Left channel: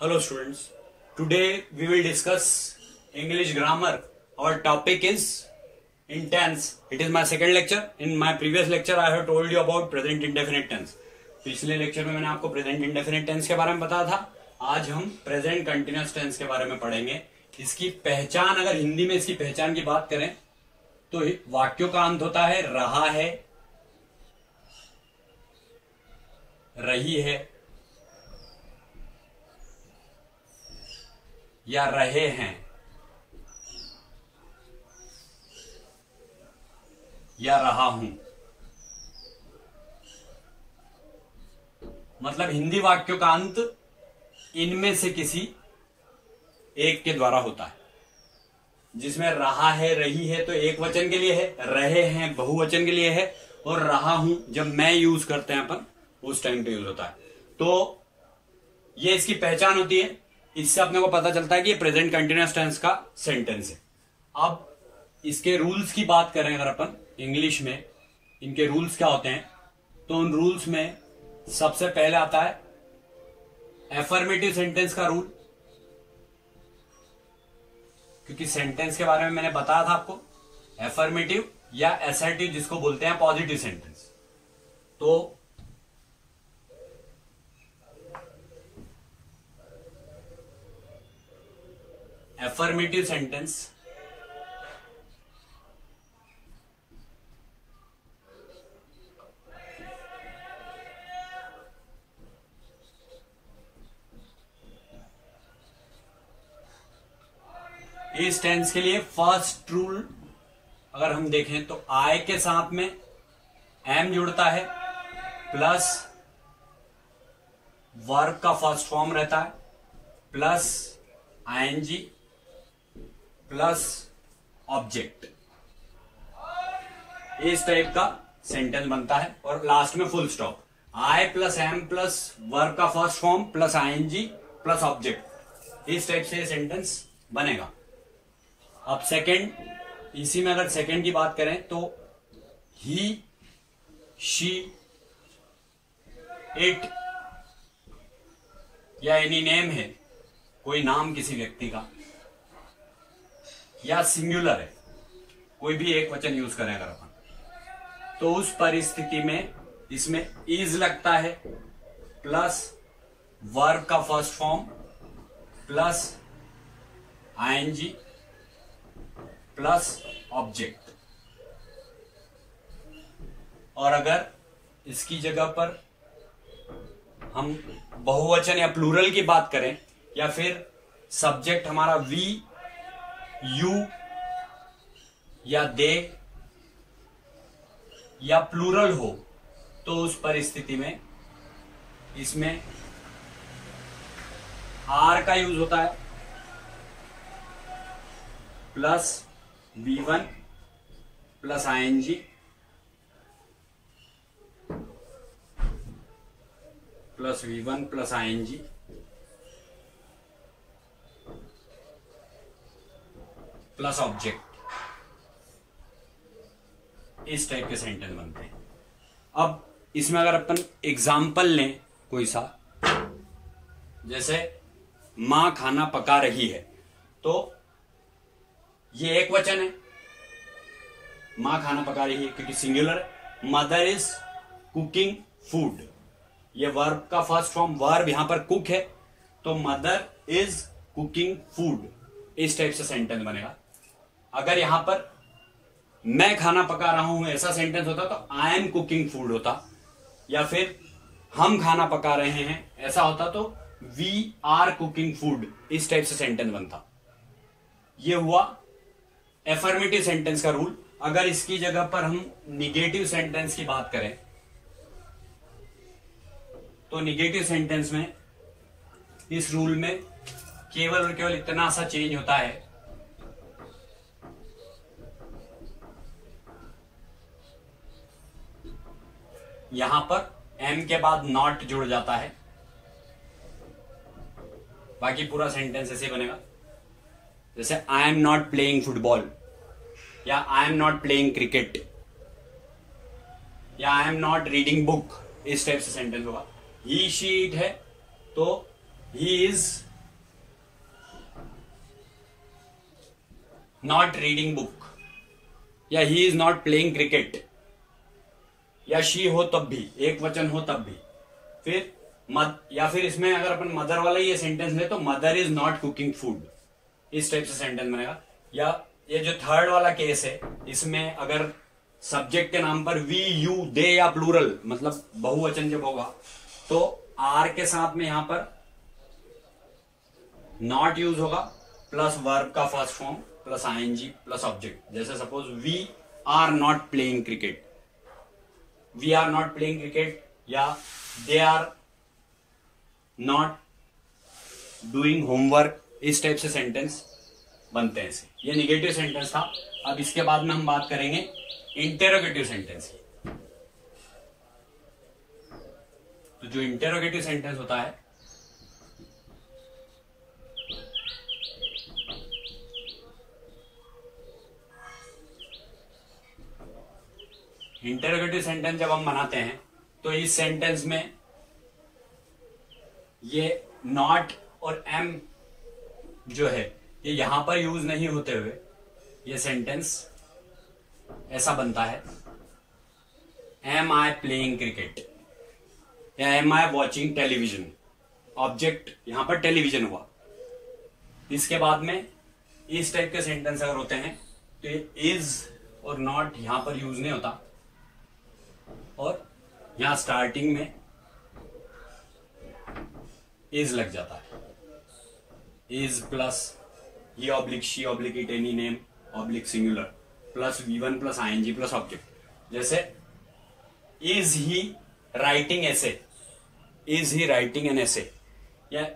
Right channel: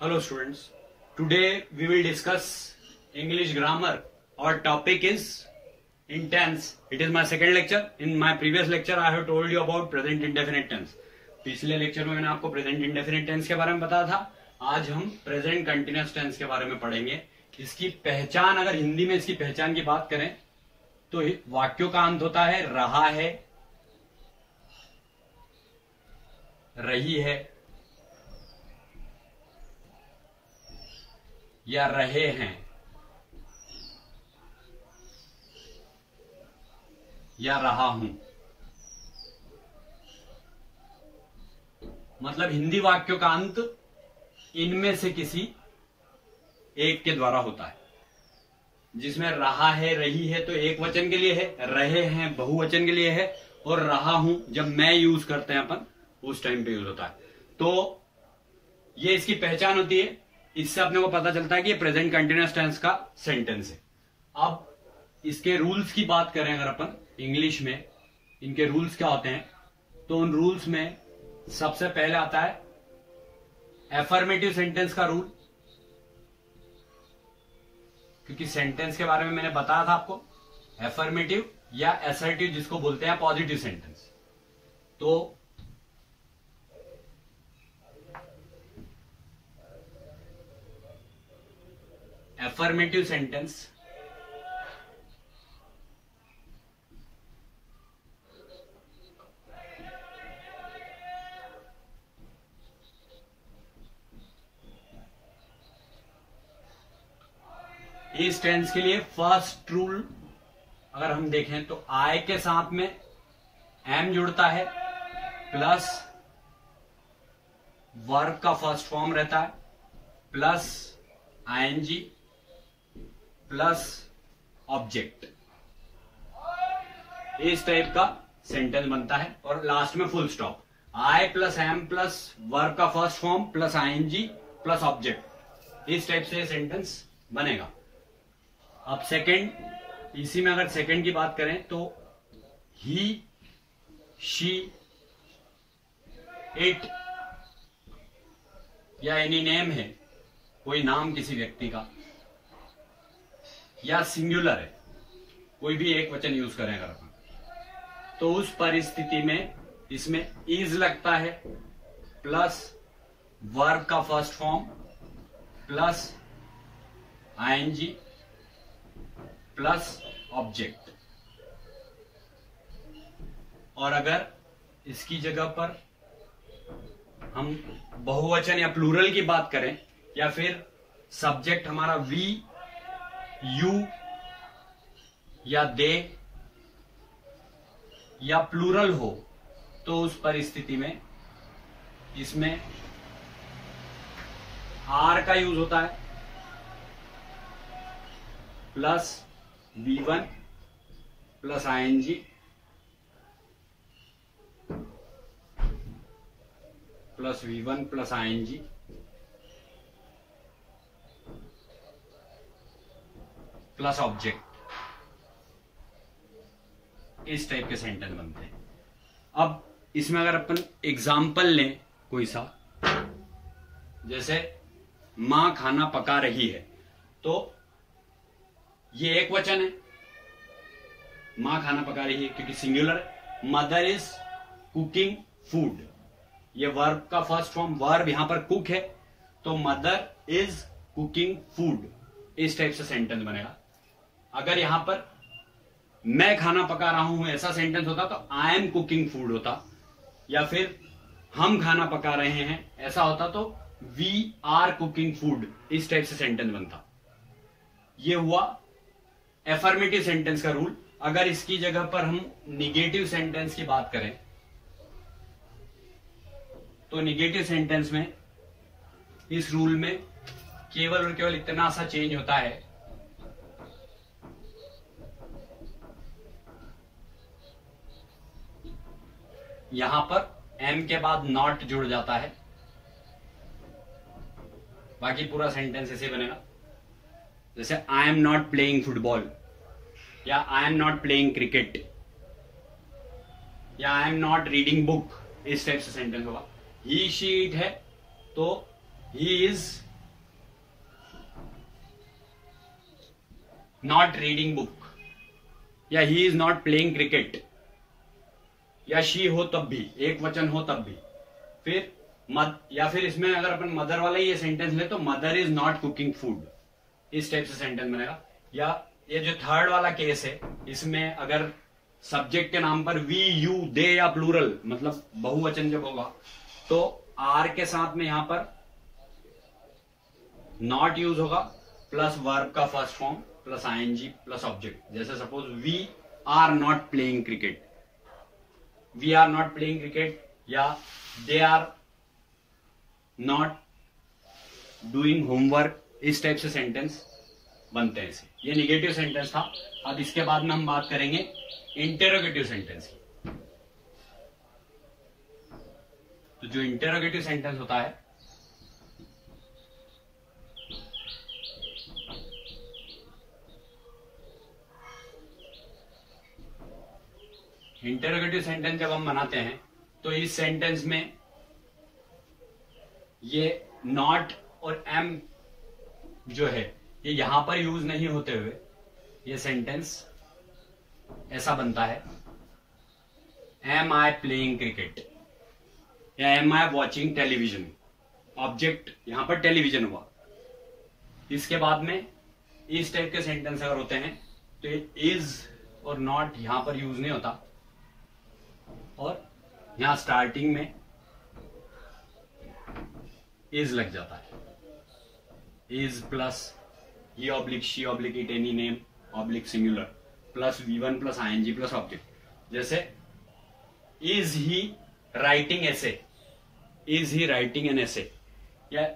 Hello students, today we will discuss English grammar. Our topic is in tense. It is my second lecture. In my previous lecture I have told you about present indefinite tense. पिछले lecture में मैंने आपको present indefinite tense के बारे में बताया था. आज हम प्रेजेंट कंटिन्यूअस टेंस के बारे में पढ़ेंगे. इसकी पहचान, अगर हिंदी में इसकी पहचान की बात करें तो वाक्यों का अंत होता है रहा है, रही है या रहे हैं या रहा हूं. मतलब हिंदी वाक्यों का अंत इनमें से किसी एक के द्वारा होता है. जिसमें रहा है, रही है तो एक वचन के लिए है, रहे हैं बहुवचन के लिए है, और रहा हूं जब मैं यूज करते हैं अपन उस टाइम पे यूज होता है. तो ये इसकी पहचान होती है. इससे अपने को पता चलता है कि ये प्रेजेंट कंटिन्यूअस टेंस का सेंटेंस है. अब इसके रूल्स की बात करें अगर अपन इंग्लिश में, इनके रूल्स क्या होते हैं तो उन रूल्स में सबसे पहले आता है एफर्मेटिव सेंटेंस का रूल. क्योंकि सेंटेंस के बारे में मैंने बताया था आपको, एफर्मेटिव या असर्टिव जिसको बोलते हैं पॉजिटिव सेंटेंस. तो एफर्मेटिव सेंटेंस इस टेंस के लिए फर्स्ट रूल अगर हम देखें तो आई के साथ में एम जुड़ता है प्लस वर्ब का फर्स्ट फॉर्म रहता है प्लस आईएनजी प्लस ऑब्जेक्ट. इस टाइप का सेंटेंस बनता है और लास्ट में full stop. I plus am plus verb का first form plus ING plus object, इस टाइप से सेंटेंस बनेगा. अब सेकंड, इसी में अगर सेकंड की बात करें तो ही, शी, इट या एनी नेम है, कोई नाम किसी व्यक्ति का, या सिंगुलर है, कोई भी एक वचन यूज करें अगर अपन, तो उस परिस्थिति में इसमें इज लगता है प्लस वर्ब का first form plus ING plus object. और अगर इसकी जगह पर हम बहुवचन या प्लूरल की बात करें या फिर सब्जेक्ट हमारा वी, यू या दे या प्लूरल हो तो उस परिस्थिति में इसमें आर का यूज होता है plus V1 plus ING plus V1 plus ING plus object. इस टाइप के सेंटेंस बनते हैं. अब इसमें अगर अपन एग्जाम्पल लें कोई सा, जैसे मां खाना पका रही है, तो ये एक वचन है, मां खाना पका रही है क्योंकि singular. Mother is cooking food, ये वर्ब का फर्स्ट फॉर्म, वर्ब यहां पर कुक है तो मदर इज कुकिंग फूड. इस टाइप से सेंटेंस बनेगा. अगर यहां पर मैं खाना पका रहा हूं ऐसा सेंटेंस होता तो आई एम कुकिंग फूड होता, या फिर हम खाना पका रहे हैं ऐसा होता तो वी आर कुकिंग फूड. इस टाइप से सेंटेंस बनता. ये हुआ एफर्मेटिव सेंटेंस का रूल. अगर इसकी जगह पर हम निगेटिव सेंटेंस की बात करें तो निगेटिव सेंटेंस में इस रूल में केवल और केवल इतना सा चेंज होता है, यहां पर एम के बाद नॉट जुड़ जाता है, बाकी पूरा सेंटेंस ऐसे बनेगा. जैसे I am not playing football या I am not playing cricket या I am not reading book, इस टाइप से सेंटेंस होगा. ही शी इट है तो he is not reading book, या he is not playing cricket, या शी हो तब भी, एक वचन हो तब भी। फिर या फिर इसमें अगर अपन मदर वाला ये सेंटेंस ले तो mother is not cooking food, इस टाइप से सेंटेंस बनेगा। या ये जो थर्ड वाला केस है, इसमें अगर सब्जेक्ट के नाम पर वी, यू, दे या प्लूरल मतलब बहुवचन जब होगा तो आर के साथ में यहां पर नॉट यूज होगा प्लस वर्ब का first form plus ING plus object. जैसे suppose we are not playing cricket, we are not playing cricket, या they are not doing homework, इस टाइप से सेंटेंस बनते हैं इसे। ये निगेटिव सेंटेंस था। अब इसके बाद में हम बात करेंगे इंटेरोगेटिव सेंटेंस की। तो जो इंटेरोगेटिव सेंटेंस होता है, इंटेरोगेटिव सेंटेंस जब हम बनाते हैं तो इस सेंटेंस में ये नॉट और एम जो है ये यहां पर यूज नहीं होते हुए ये सेंटेंस ऐसा बनता है, एम आई प्लेइंग क्रिकेट या एम आई वॉचिंग टेलीविजन। ऑब्जेक्ट यहां पर टेलीविजन हुआ। इसके बाद में इस टाइप के सेंटेंस अगर होते हैं तो ये इज और नॉट यहां पर यूज नहीं होता, और यहां स्टार्टिंग में इज लग जाता है। इज प्लस ये oblique she oblique it any name oblique singular plus V1 plus ING plus object. जैसे is he writing essay, is he writing an essay, या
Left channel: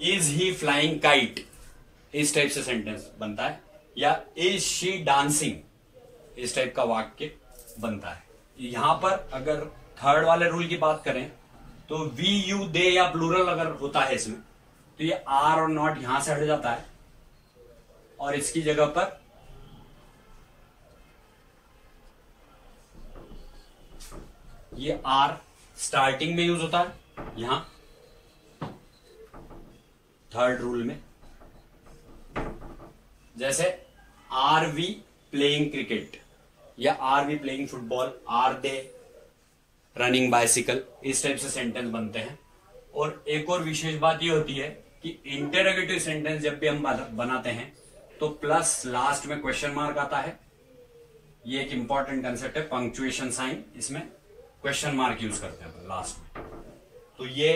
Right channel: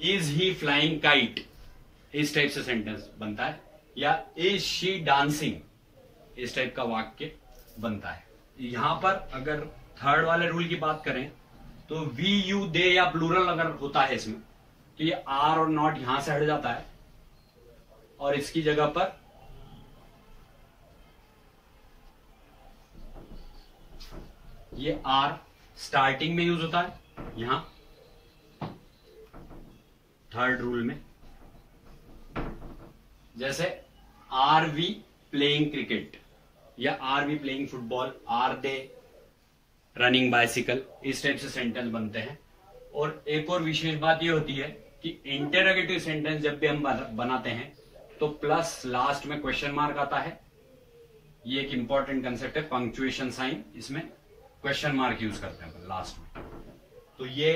इज ही फ्लाइंग काइट, इस type से sentence बनता है। या is she dancing, इस type का वाक्य बनता है। यहां पर अगर थर्ड वाले रूल की बात करें तो वी, यू, दे या प्लूरल अगर होता है इसमें तो ये आर और नॉट यहां से हट जाता है और इसकी जगह पर ये आर स्टार्टिंग में यूज होता है यहां थर्ड रूल में। जैसे आर वी प्लेइंग क्रिकेट या are we playing football, are they running bicycle, इस टाइप से सेंटेंस बनते हैं। और एक और विशेष बात यह होती है कि इंटेरोगेटिव सेंटेंस जब भी हम बनाते हैं तो प्लस लास्ट में क्वेश्चन मार्क आता है। ये एक इंपॉर्टेंट कंसेप्ट है, पंक्चुएशन साइन, इसमें क्वेश्चन मार्क यूज करते हैं लास्ट में। तो ये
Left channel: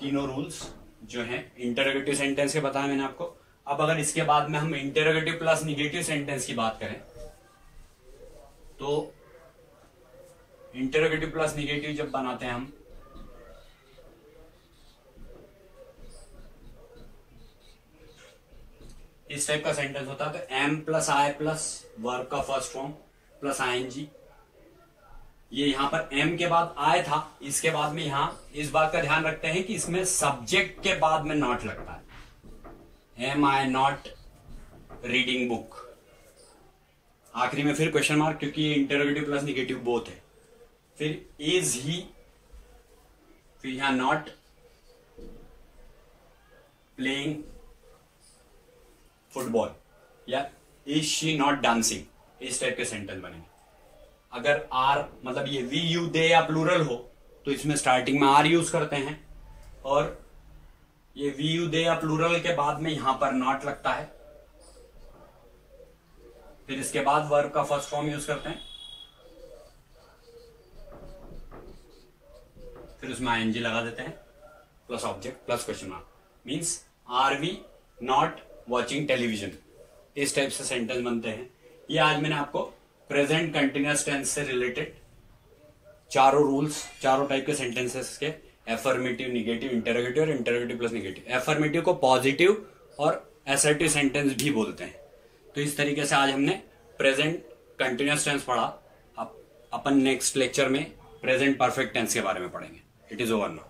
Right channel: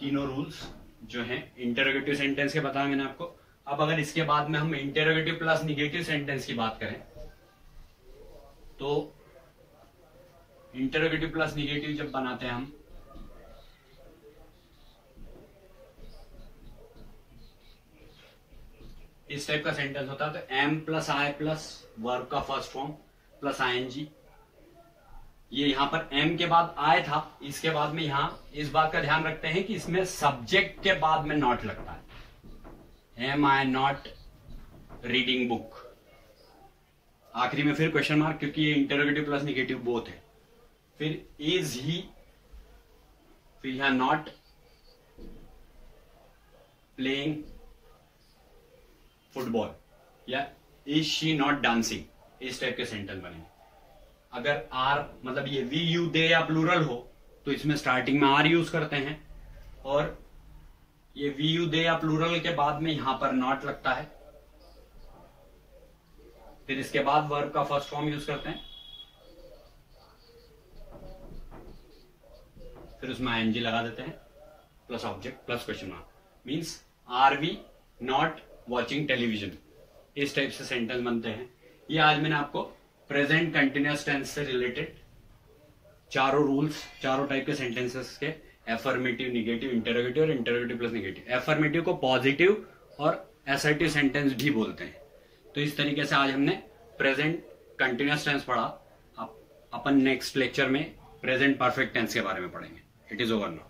तीनों रूल्स जो हैं इंटेरोगेटिव सेंटेंस के बताया मैंने आपको। अब अगर इसके बाद में हम इंटेरोगेटिव प्लस निगेटिव सेंटेंस की बात करें तो इंटेरोगेटिव प्लस निगेटिव जब बनाते हैं हम इस टाइप का सेंटेंस होता है। तो एम प्लस आई प्लस वर्ब का फर्स्ट फॉर्म प्लस आईएनजी, ये यहां पर एम के बाद आय था, इसके बाद में यहां इस बात का ध्यान रखते हैं कि इसमें सब्जेक्ट के बाद में नॉट लगता है। Am I not reading book, आखिरी में फिर क्वेश्चन मार्क, क्योंकि ये इंटेरोगेटिव प्लस निगेटिव बोथ है। फिर इज ही, फिर यहां नॉट प्लेइंग फुटबॉल या इज शी नॉट डांसिंग, इस टाइप के सेंटेंस बनेंगे। अगर आर मतलब ये वी, यू, दे या प्लूरल हो तो इसमें स्टार्टिंग में आर यूज करते हैं, और ये वी, यू, दे या प्लूरल के बाद में यहां पर नॉट लगता है। फिर इसके बाद वर्ब का फर्स्ट फॉर्म यूज करते हैं, फिर उसमें आईएनजी लगा देते हैं plus object plus question mark, means are we not watching television, इस टाइप से सेंटेंस बनते हैं। ये आज मैंने आपको प्रेजेंट कंटिन्यूअस टेंस से रिलेटेड चारों रूल्स, चारों टाइप के सेंटेंसेस के, एफर्मेटिव, निगेटिव, इंटेरोगेटिव और इंटेरोगेटिव प्लस निगेटिव। एफर्मेटिव को पॉजिटिव और असर्टिव सेंटेंस भी बोलते हैं। तो इस तरीके से आज हमने प्रेजेंट कंटिन्यूअस टेंस पढ़ा। अब अपन नेक्स्ट लेक्चर में प्रेजेंट परफेक्ट टेंस के बारे में पढ़ेंगे। It is over now.